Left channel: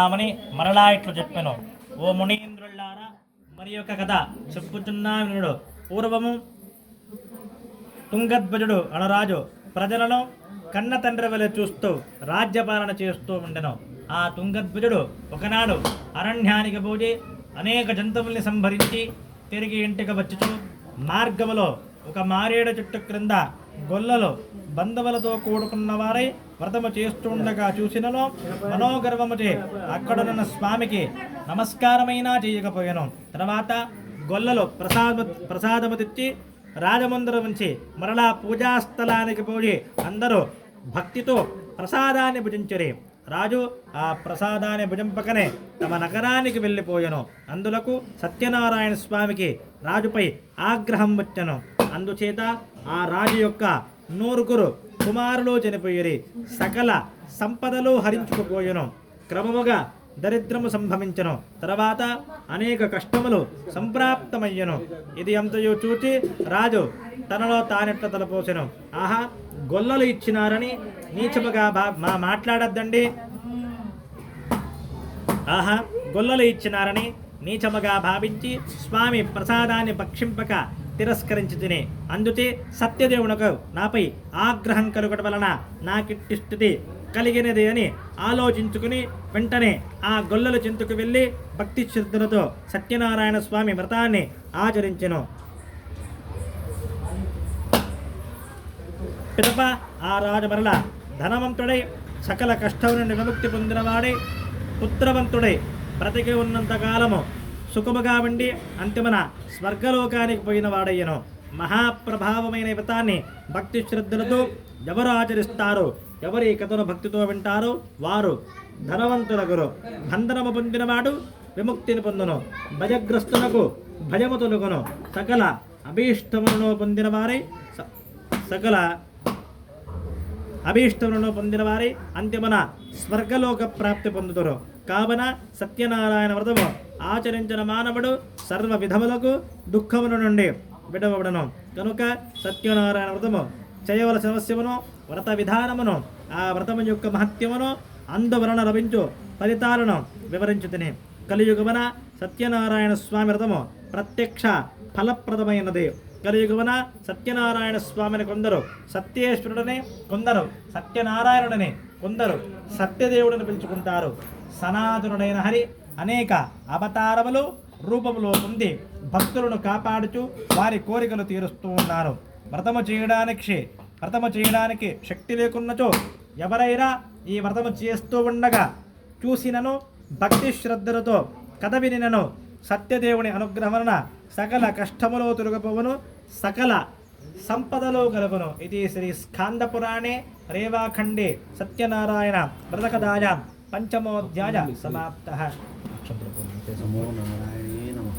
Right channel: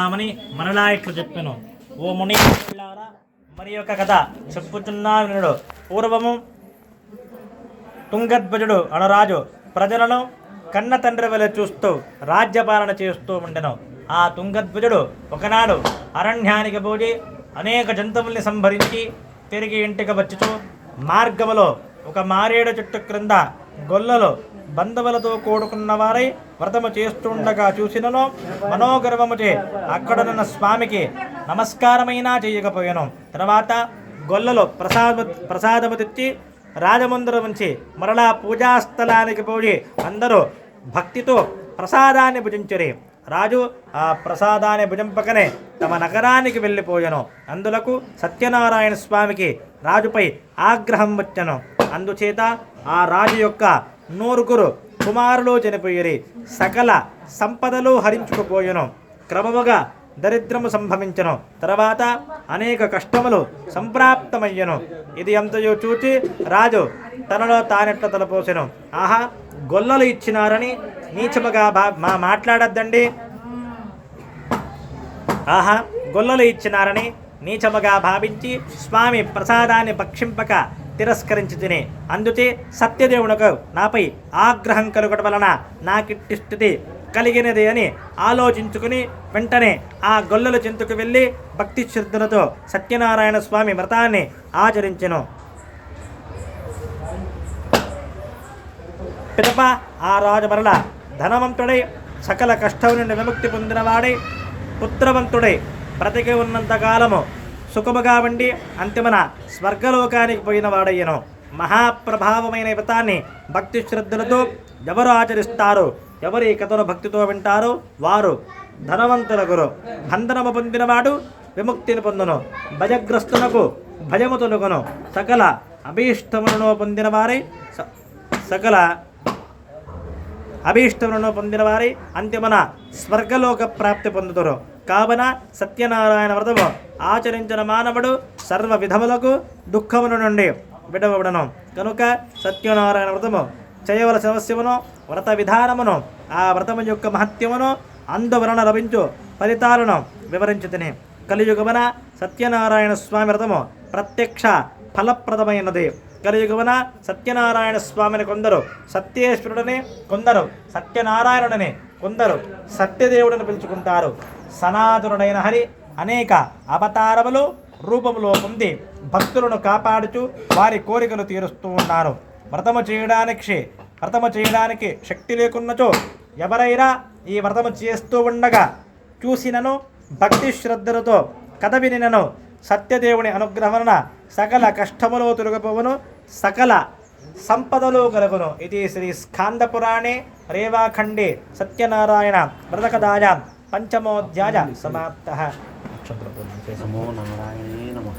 ఆమని మరలా ఇట్లు చెప్పాను. ఓ ముని మరి యొక్క కథ చెప్పుచున్నా వినుడు. పూర్వము తుంగధ్వజుడు అనరాజు ప్రజలను కన్న తండ్రి వలె చూస్తూ రాజ్యపాలన చేస్తూ ఉండెను. ఆ తుంగధ్వజుడు ఒకనాడు అరణ్యానికి పోయి అనేక జంతువుల్ని సంహరించి తిరిగి ఇంటికి వచ్చుచు మార్గములో ఒక మారేడు చెట్టు క్రింద గొల్లలు బంధువులతో కూడుకున్న వారై వ్రతము చేస్తుండగా చూసినను మనోగర్వముచే అక్కడనున్న స్వామికి నమస్కారమైనా చేయకపోయాను. తర్వాత గొల్లలు ప్రసాదము తెచ్చి రాజమందిరం ఉంచి మరలా పూజాస్థలానికి పోయి అందరూ భక్తితో ప్రసాదాన్ని భుజించిరి. రాజు ఆ ప్రసాదాన్ని భుజింపకనే తమ నగరానికి వెళ్ళిపోయాను. అందులకు సత్యనారాయణ స్వామికి రాజుపై ఆగ్రహం వచ్చెను. అందుచేత ఆ రాజు యొక్క నూరుగురు కుమారులు చనిపోయిరి. సకల సంపదలు హరించుకుపోయెను. క్రమముగా దరిద్రము సంభవించను. తర్వాత అనేక కష్టములు సంప్రాప్తమయ్యను. ఇది అంతయో చూచి రాజు తనలో తానెట్ల తలపోసెను. ఆహా, గొల్లలు ఇచ్చినారని నీచముగా మాట్లాడద్దండి. ఆహా, గొల్లలు ఇచ్చినారని నీచముగా భావించి స్వామి ప్రసాదాన్ని భక్షింపక తిరస్కరించి తిని అందుచే సత్యదేవునకు నాపై ఆగ్రహం కలుగడం వలన నాకిట్టి స్థితి కలిగినది అని ఆలోచించుకుని వెంటనే ఆ గొల్లల చెంతుకు వెళ్ళి భక్తి శ్రద్ధలతో సత్యనారాయణ స్వామి వ్రతాన్ని ఆచరించెను. పిదప ఆ రాజు మరల ధనవంతుడై సకల కష్టం నుండి విముక్తి పొందినవాడై పుత్రవంతుడై బ్రతికి ఉన్నంతకాలము సుఖముగా ఉండి అంతిమన స్వర్గలోకానికి పోయిన వాడయ్యను. మహాప్రభావమైన వ్రతాన్ని భక్తి శ్రద్ధలతో ఎవరు ఆచరిస్తారో, ఎవరు ఈ కథను భక్తితో వింటారో వారు ధనవంతులగురు. బంధనము పొందినవాడు విముక్తిని పొందును. భయగ్రస్తునకు భయము తొలగును. సకల అభీష్టములను పొందిన వారై అంతిమన స్వర్గలోక ప్రాప్తి పొందుతారు. కావున సత్యనారాయణ వ్రతము ఆచరించిన మానవుడు సర్వ విధములకు దుఃఖముల నుండి విడవబడను. కనుక సత్యనారాయణ వ్రతము చేయవలసిన అవశ్యమును, వ్రత విధానమును, ఆ వ్రతము యొక్క మహత్యమును, అందువలన లభించు ఫలితాలను వివరించుతిని. కలియుగమున సత్యనారాయణ స్వామి వ్రతము ప్రత్యక్ష ఫలప్రదమైనది. కలియుగమున సత్యనారాయణ స్వామిని కొందరు సత్యేశ్వరుడని, కొందరు సత్యనారాయణుడని, కొందరు సత్యదేవుడిని పిలుచుకుంటారు. సనాతనుడైన హరి అనేక అవతారములు రూపములో పొంది భక్తులను కాపాడుచు వారి కోరికలు తీరుస్తూ ఉన్నారు. వ్రతము చేయడానికి శక్తి లేకున్నచో ఎవరైనా ఈ వ్రతము చేస్తూ ఉండగా చూసినను భక్తి శ్రద్ధలతో కథ వినినను సత్యదేవుని అనుగ్రహం వలన సకల కష్టములు తొలగిపోవును, సకల సంపదలు కలుగును. ఇది శ్రీ స్కాందపురాణే రేవాఖండే సత్యనారాయణ వ్రతకథాయాం పంచమోధ్యాయ సమాప్తః. నమో నారాయణే నమః.